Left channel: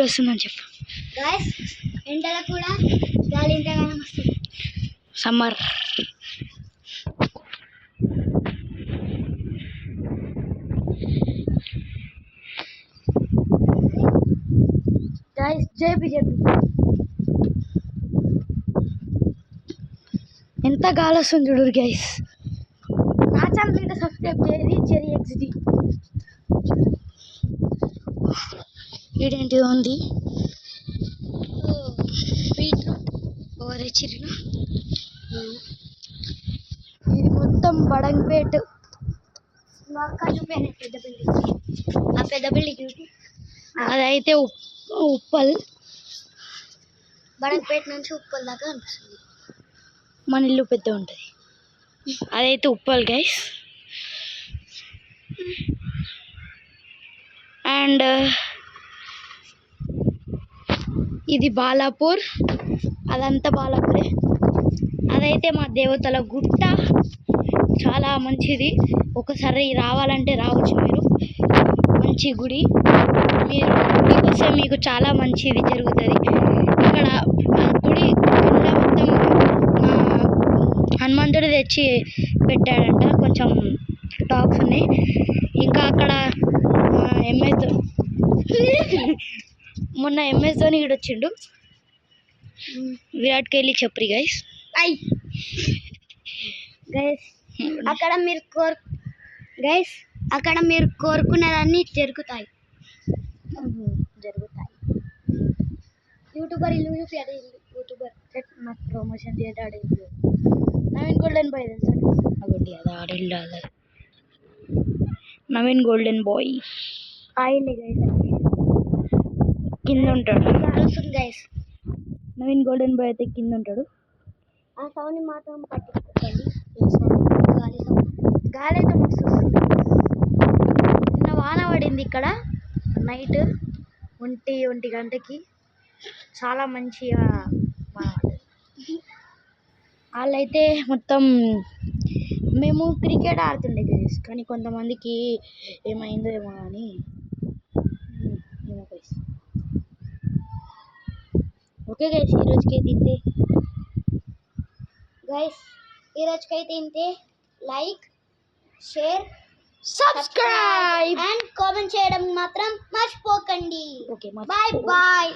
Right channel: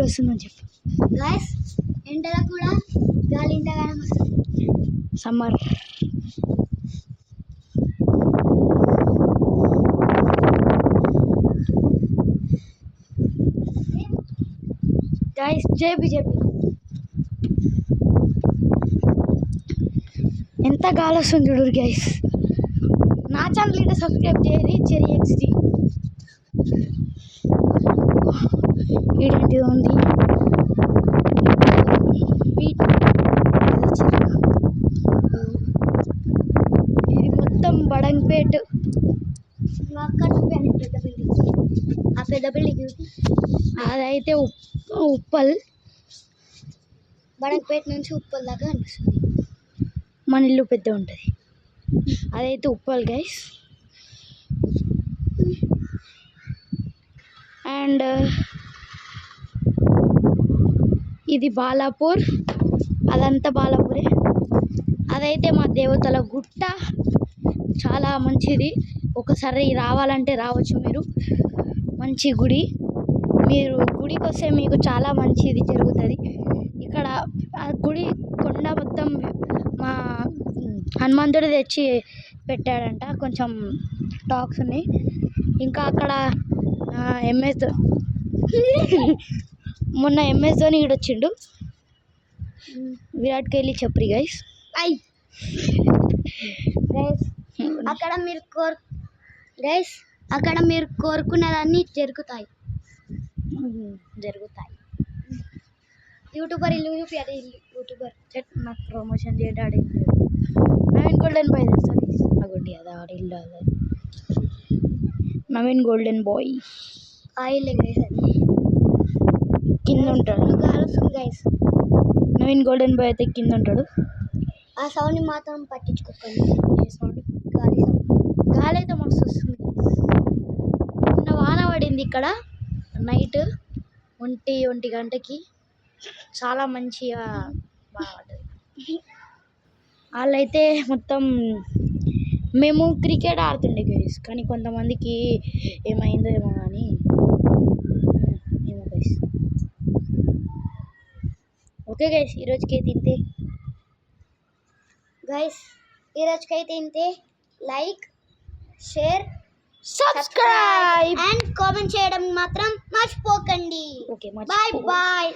Heat వస్తుందని చెప్పు guys. ఎండలో కూడా గాలి ఇంతగానం వస్తుంది. సమ్మర్. గాయస్ చెప్పి ఎంత గాలి వస్తుంది చూడు గైస్. నా ఛానల్ ఇంకా సబ్స్క్రైబ్ చేయండి. చెరీ ఎక్స్డి ఇదేంటిది ఉంది. ఇది మొత్తం బడంగపేట్. ఆ పెద్ద బిల్డింగ్ అదైతే ఉప్పల్. బడంగపేట నుంచి ఉప్పల్ దాకా అనిపిస్తుంది. మన ఇల్లు పెద్ద ఉంటుంది. అదైతే ఉప్పల్ గైస్. అండ్ ఇది బాలాపూర్. అదంతా బాలాపూరే. అదైతే మా దేవతల గుట్ట. చాలా మంచిది. ఒకసారి రావాలంటే రావచ్చు మీరు. మంచి గుడి. మీరు గుడికి వస్తే మీకు చాలా మంచిది జరుగుతుంది. ఇక్కడ ఆ గుడి కింద మొత్తం మా హనుమంతుడు తెచ్చి పెట్టాడంట. కొంచెం టాక్స్ ఉన్నాయి. ఇంకా అక్కడ ఎంఎస్ మొన్న ఎంఎస్ ధోని ఇక్కడ వచ్చిండు. విరాట్ కోహ్లీ చెప్పరి గైస్. అక్కడ మీరు కోరుకున్నదాన్ని జరుగుతాయి. యూట్యూబర్ ఇల్లు చూపి యూట్యూబర్ నాకు ప్రమోషన్ చేయడం నవీన్ గోల్డెన్ బాయ్ తెలుసా? అగోండి అది ఆడిల్లు అలా Naveen golden bye. Oil guys కింద ఉంటాడు. గైస్ నవీన్ గోల్డెన్ బాయ్ అయితే కింద ఉంటాడు. ఆ సౌండ్ని మాత్రం పట్టించుకోకండి. గాలి అయితే మస్తు వస్తుంది. నిన్న వాన పడింది ఇక్కడ నైట్ 1 గంటకి. చాలా మంచిగా వాన పడ్డది. వాళ్ళైతే మొత్తం మేము క్రికెట్ ఆడుతుండే గైస్. కానీ కొంతమందికి ఏమైందో ఏమో కానీ ఏమో గైస్. ఓకే గైస్, ఈరోజుకైతే ఇంతే. Like, share, subscribe and comment చేయడం మాత్రం మర్చిపోకండి. Okay, bye bye.